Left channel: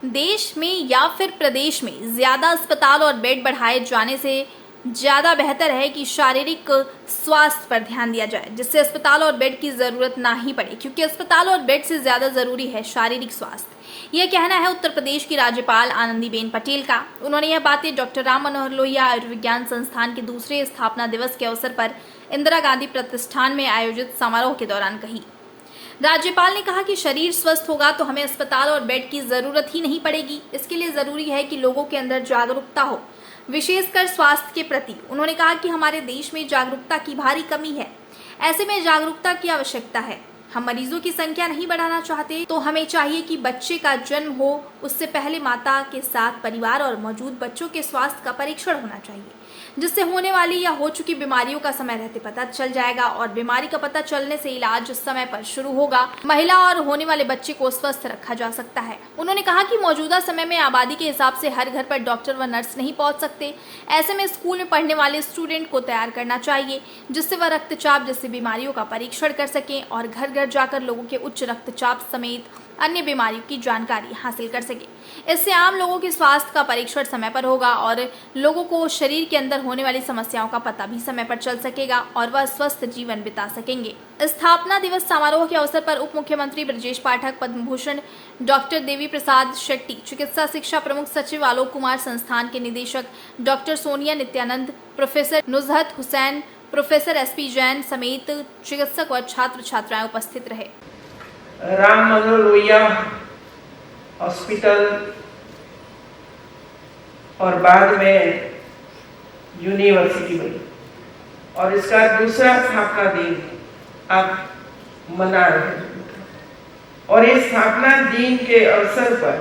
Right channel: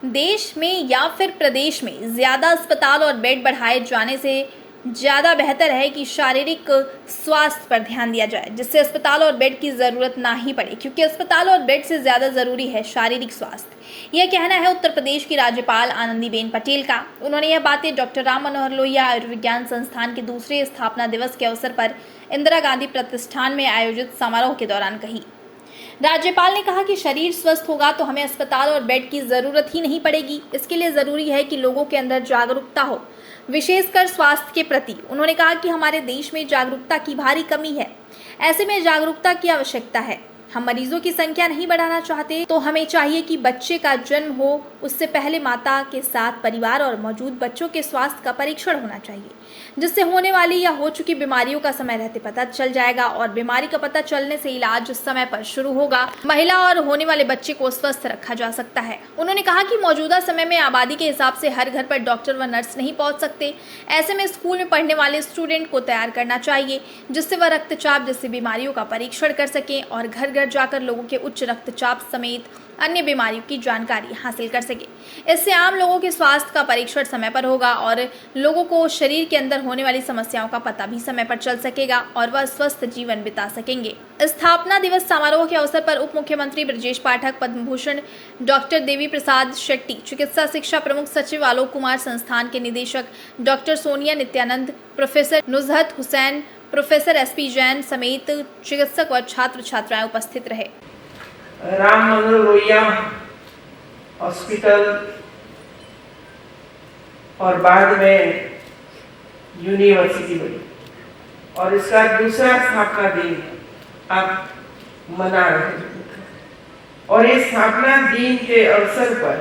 देश में या फिर प्रदेश में ज्यादा अस्पताल और बेड बढ़ाए जाने से ज्यादा बेहतर है कि शारीरिक स्वास्थ्य पर ध्यान दिया जाए, जिससे अस्पताल और बेड की जरूरत ना ही पड़े, क्योंकि अस्पताल और बेड से ज्यादा जरूरी है शारीरिक स्वास्थ्य। यह कहना है उत्तर प्रदेश की राज्यपाल आनंदीबेन पटेल का। उन्होंने यह बातें डॉक्टर राम मनोहर लोहिया आयुर्विज्ञान संस्थान के दूसरे स्थापना दिवस के अवसर पर इंदिरा गांधी प्रतिष्ठान में आयोजित समारोह के दौरान कही। राज्यपाल ने कहा कि शरीर स्वस्थ होगा तो हमें अस्पताल और बेड की जरूरत ही नहीं पड़ेगी। इसके लिए जरूरी है कि लोगों के अंदर जागरूकता हो, विशेषकर स्वास्थ्य के प्रति। उन्होंने कहा कि हमारे देश में जागरूकता की भारी कमी है, ऐसे में जागरूकता की आवश्यकता है। हम मरीजों की संख्या नहीं बढ़ाना चाहते, तो हमें चाहिए कि बच्चे का जन्म हो उससे पहले माता के साथ परिवार और मौजूद बच्चों के स्वास्थ्य का परीक्षण होना चाहिए, जिससे होने वाली या हो चुकी बीमारियों का समय रहते पता चल जाएगा और बीमारी का पता चलने से इलाज उस समय पर शुरू होगा। महिला और होने वाले बच्चे को स्वस्थ रखा जा सकता है। उन्होंने कहा कि मौजूदा समय में आबादी के हिसाब से हर घर पर डॉक्टर व नर्स नहीं पहुंच सकते। ऐसे में स्कूल में पढ़ने वाले स्टूडेंट को तैयार करना चाहिए, जिससे वह रक्तचाप जैसी बीमारियों का परीक्षण कर सकें और घर घर जाकर लोगों के उच्च रक्तचाप समेत अन्य बीमारियों की जानकारी हासिल कर सके। इससे आम लोगों के स्वास्थ्य का परीक्षण समय पर होगा और लोगों को शरीर के अंदर होने वाली समस्याओं का पता भी समय पर चल सकेगा और वह स्वस्थ जीवन बिता सकेंगे। स्थापना दिवस समारोह के अवसर पर उप मुख्यमंत्री ब्रजेश पाठक, पद्म भूषण डॉक्टर देवी प्रसाद शेट्टी, चिकित्सा शिक्षा प्रमुख सचिव आलोक कुमार, संस्थान के निदेशक doctor Sonia Nityanand, professor Nuzhat Hussain, professor SP Jain समेत चिकित्सक व छात्र छात्राएं उपस्थित रहे। राम मनोहर लोहिया हॉस्पिटल और बाद में यूनिवर्सिटी बनी और इसका दूसरा स्थापना दिन अब मना रहे हैं। और इस स्थापना दिन के अवसर पर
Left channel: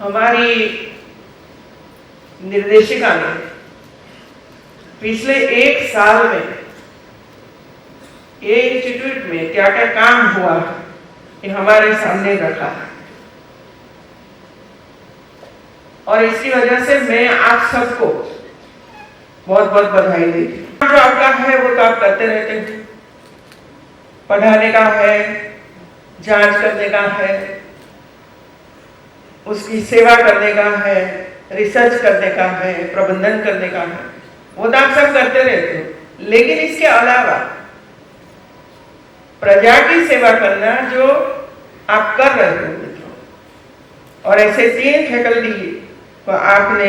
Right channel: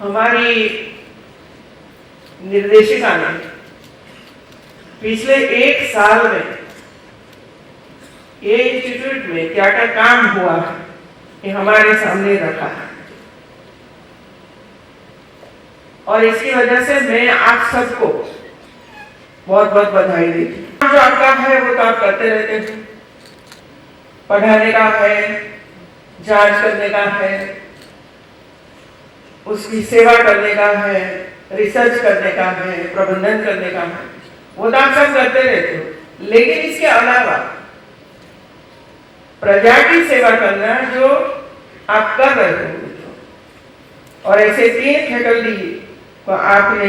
हमारी निर्देशिका ने पिछले एक साल में ये इंस्टीट्यूट में क्या क्या काम हुआ है ये हमारे सामने रखा है और इसकी वजह से मैं आप सबको बहुत बहुत बधाई देती हूँ। जो आपका है वो तो आप करते रहते हैं, पढ़ाने का है, जांच करने का है, उसकी सेवा करने का है, रिसर्च करने का है, प्रबंधन करने का है, वो तो आप सब करते रहते हो। लेकिन इसके अलावा प्रजा की सेवा करना जो आप कर रहे हो और ऐसे 3 फैकल्टी को आपने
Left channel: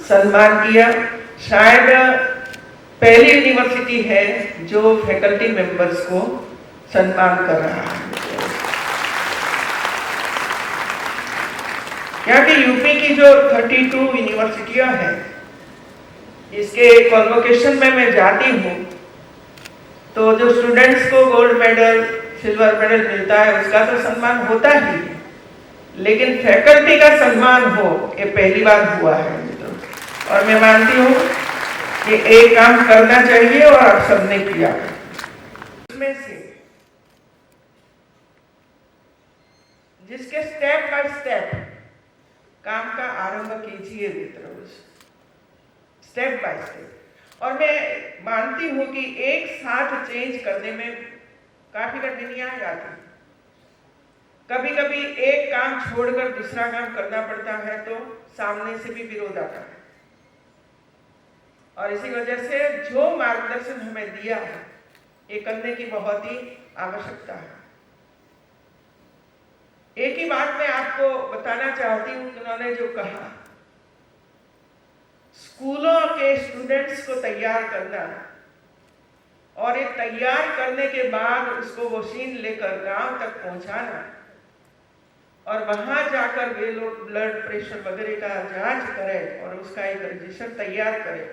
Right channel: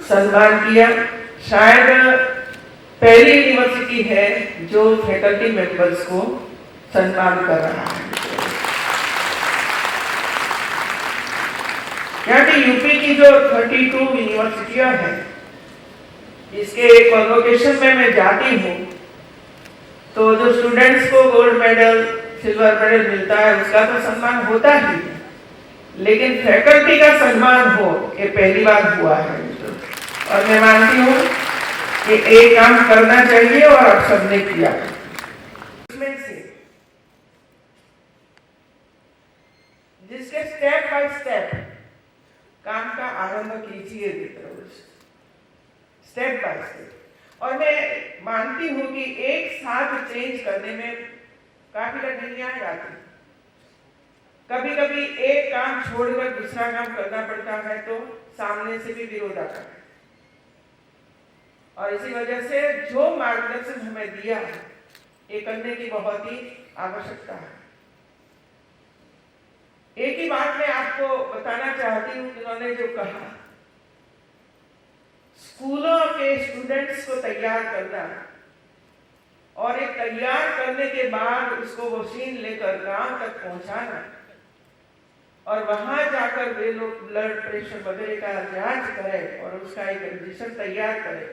सम्मान किया। शायद पहली यूनिवर्सिटी है जो फैकल्टी मेंबर्स को सम्मान कर रहा है। यहाँ की यूपी की जो 32 यूनिवर्सिटियां हैं, इसके कॉन्वोकेशन में मैं जाती हूँ तो जो स्टूडेंट्स को गोल्ड मेडल, सिल्वर मेडल मिलता है उसका तो सम्मान होता ही है, लेकिन फैकल्टी का सम्मान हो ये पहली बार हुआ है। और मैं मानती हूँ कि एक काम करना चाहिए और आप सबने किया। इसमें से जिसके स्टेप बाय स्टेप काम का आरंभ कीजिए मित्रों, स्टेप बाय स्टेप। और मैं मानती हूँ कि एक साथ चेंज करने में काफी कठिनाइयां आती हैं। कभी कभी एक काम छोड़कर दूसरा काम करना पड़ता है तो सामने से भी विरोध आता है और इसी वजह से जो मार्गदर्शन हमें दिया है ये करने की बहुत ही आवश्यकता है। एक ही बात मैं आपको बताना चाहती हूँ, उन्होंने जो कहा स्कूलों के स्टूडेंट्स को तैयार करना और एक तैयार करने के बाद उसको वसीन लेकर गांव तक पहुंचाना और वहां जाकर वे लोग ब्लड प्रेशर वगैरह का जांच करें और उसका एक रजिस्टर तैयार करें,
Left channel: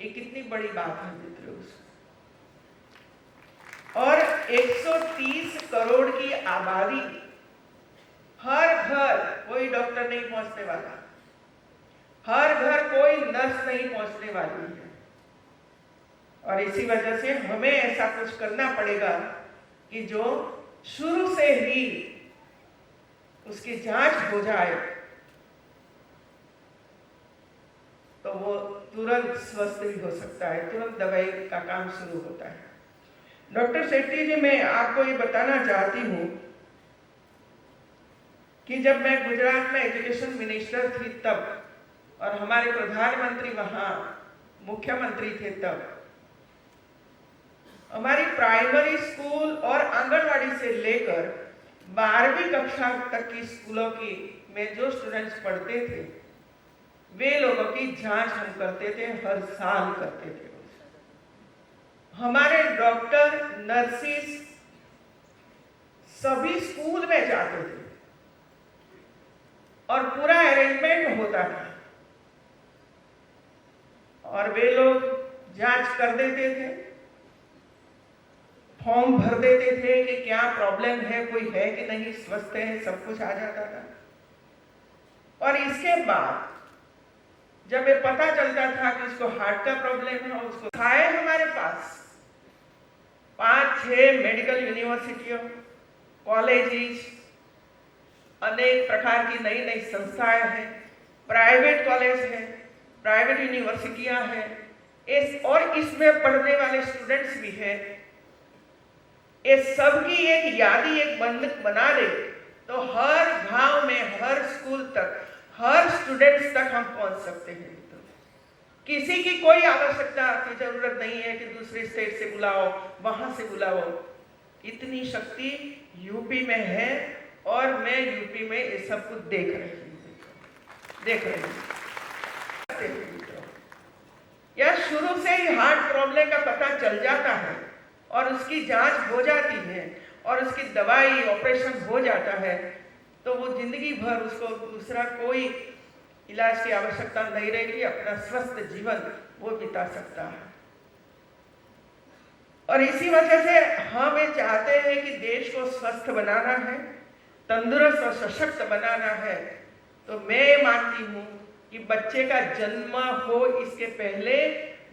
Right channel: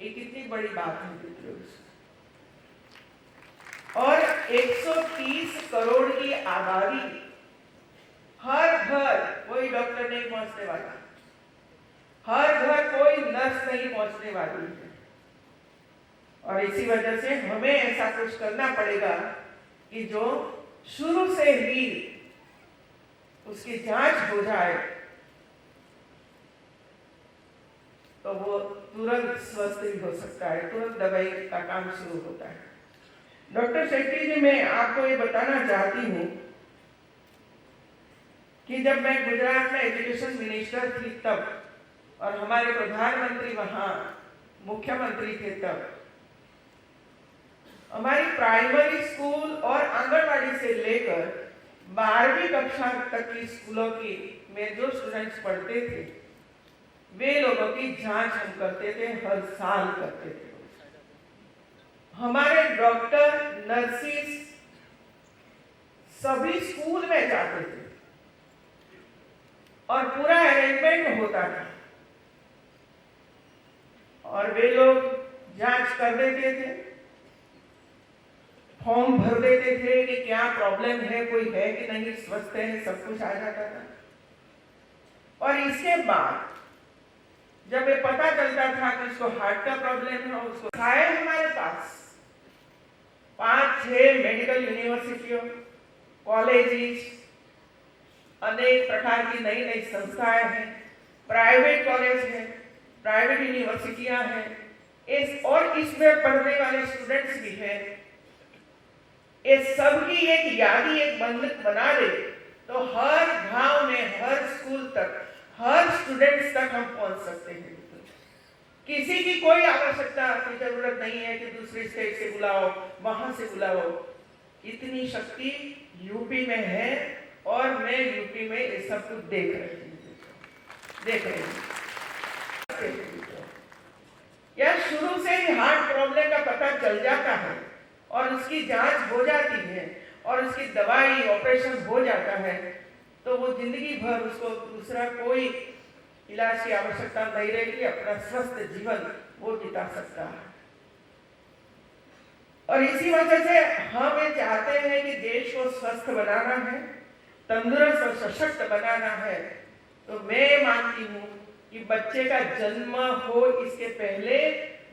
ये कितनी बड़ी बात है मित्रों। और 130 करोड़ की आबादी, हर घर कोई डॉक्टर नहीं पहुंचने वाला, हर घर कोई नर्स नहीं पहुंचने वाली है और इसी वजह से हमें ऐसा कुछ करना पड़ेगा कि जो शुरू से ही उसकी जांच हो जाए तो वो तुरंत स्वस्थ भी हो सकता है, तुरंत दवाई का काम शुरू होता है। डॉक्टर शेट्टी जी, मैं आपको ये बताना चाहती हूँ कि जब मैं गुजरात में एजुकेशन मिनिस्टर थी तब, और हमारे प्रधानमंत्री वहां मुख्यमंत्री थे तब, हमारी प्राइमरी स्कूल और आंगनवाड़ी से लेकर 12वीं कक्षा तक की स्कूलों की में जो स्टूडेंट्स पढ़ते थे, वे लोगों की जांच हम करते थे, हर साल करते थे। हमारे डॉक्टर, नर्सिस सभी स्कूल में जाते थे और पूरा अरेंजमेंट होता था, और वे लोग जांच कर देते थे, फॉर्म भर देते थे कि क्या प्रॉब्लम है, कोई है कि नहीं, स्वस्थ है, सब कुछ आ जाता था। और इसके बाद जब ये पता चलता था कि इसको हार्ट का प्रॉब्लम है, उसको आए हमारे पास 5-6 मेडिकल यूनिवर्सिटियों, कॉलेजेस, अनेक प्रकार की नई नई संस्थाएं हैं, प्राइवेट कॉलेज हैं, प्राइवेट यूनिवर्सिटियां हैं, और इसमें पढ़ने वाले स्टूडेंट्स भी हैं। ये सबकी एक यादी, एक बंधक बना दे तो हर गांव में, हर स्कूल तक, हर स्टूडेंट्स तक हम पहुंच सकते हैं। किसी की कोई आवश्यकता की जरूरत नहीं है कि दूसरे स्टेट से बुलाओ, वहां से बुलाओ। इतनी शक्ति यूपी में है, और मैं यूपी में ये सब कुछ देख रही हूँ। या शुरू से ही हार्ट प्रॉब्लम का पता चल जाता है और उसकी जांच हो जाती है और उसकी दवाई, ऑपरेशन हो जाता है, तो वो जिंदगी भर उसको दूसरा कोई इलाज की आवश्यकता नहीं रहेगी, अपना स्वस्थ जीवन वो बिता सकता है। और इसी वजह से हम ये चाहते हैं कि देश को स्वस्थ बनाना है, तंदुरुस्त और सशक्त बनाना है। तो मैं मानती हूँ कि बच्चे का जन्म हो इसके पहले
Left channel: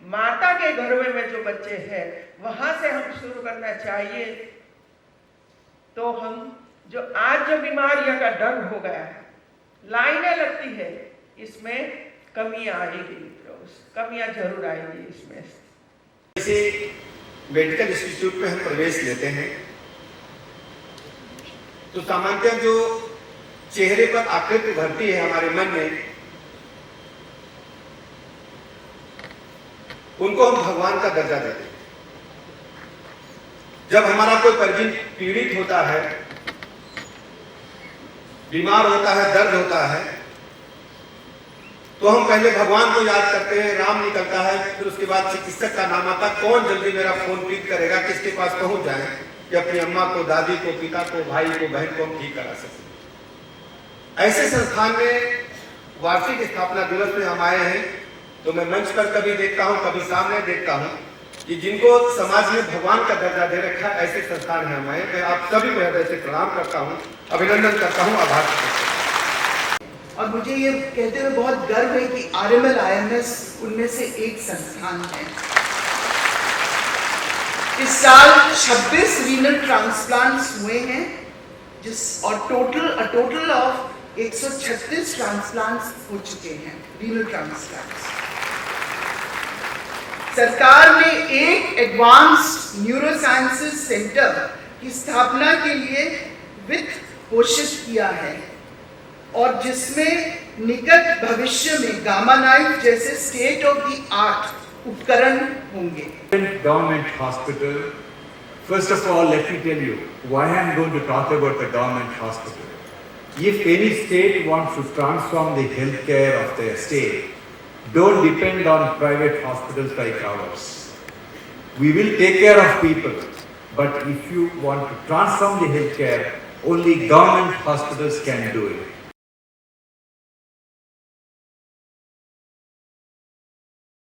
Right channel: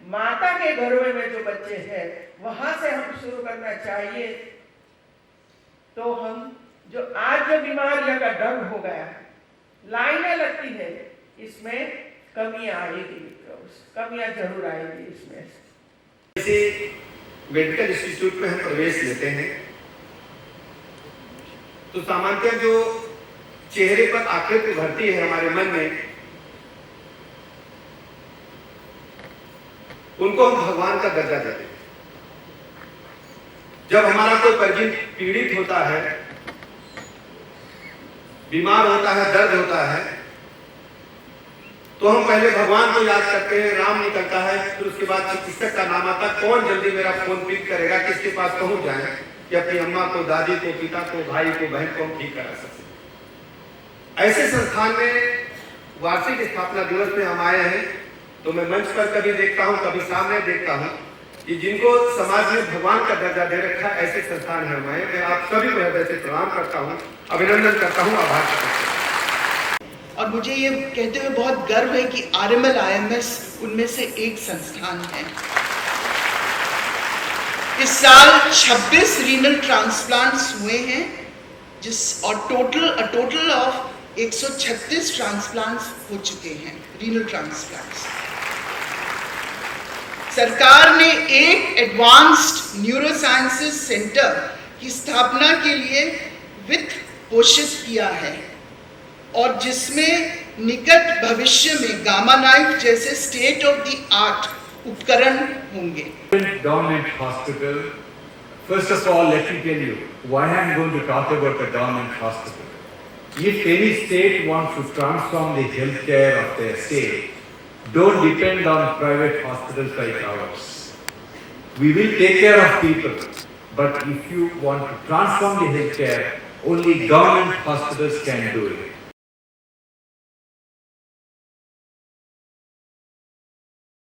माता के गर्भ में जो बच्चे हैं वहां से हम शुरू करना चाहिए। तो हम जो आज जो बीमारियों का डर हो गया है, लाइनें लगती है, इसमें कमियां आएगी, कमियां जरूर आएगी इसमें। जैसे मेडिकल इंस्टीट्यूट में हम प्रवेश लेते हैं तो सामान्यतः जो चेहरे पर आकृति उभरती है हमारे मन में, उनको हम भगवान का दर्जा देते हैं। जब हमारा कोई परिजन पीड़ित होता है, बीमार होता है, दर्द होता है, तो हम पहले भगवान को याद करते हैं, राम निकलता है, फिर उसके बाद चिकित्सक का नाम आता है, कौन जल्दी मेरा फोन पिक करेगा, किसके पास पहुंच जाए कि अपनी अम्मा को, दादी को, पिता को, भाई को, बहन को हम ठीक करा सकें। ऐसे संस्थान में वार्षिक स्थापना दिवस में हम आए हैं, तो मैं मंच पर कभी देखता हूं, कभी सामने देखता हूं कि जिनको समाज में भगवान का दर्जा दे रखा है, ऐसे संस्थान है। मैं आप सभी को हृदय से प्रणाम करता हूं, अभिनंदन करता हूं, आभार करता हूं। और मुझे ये कहते हुए बहुत गर्व है कि RML IMS उनमें से एक संस्थान है। इस साल 26 रीनल ट्रांसप्लांट्स हुए हैं, और टोटल ऑफ 136 ट्रांसप्लांट्स हो चुके हैं, रीनल ट्रांसप्लांट्स। सरकार ने एक एडवांस्ड न्यूरोसाइंसेस सेंटर की स्थापना के लिए वित्त घोषित किया है, और जिसमें निकट भविष्य में गामा नाइफ जैसे स्टेट ऑफ द आर्ट उपकरण होंगे। Government hospital. First of all, let me tell you why I am going to talk about the government hospital. If any state wants to transform the healthcare of their state, don't depend on private hospitals like ours. We will take care of people, but if you want to transform the healthcare, only government hospitals can do it.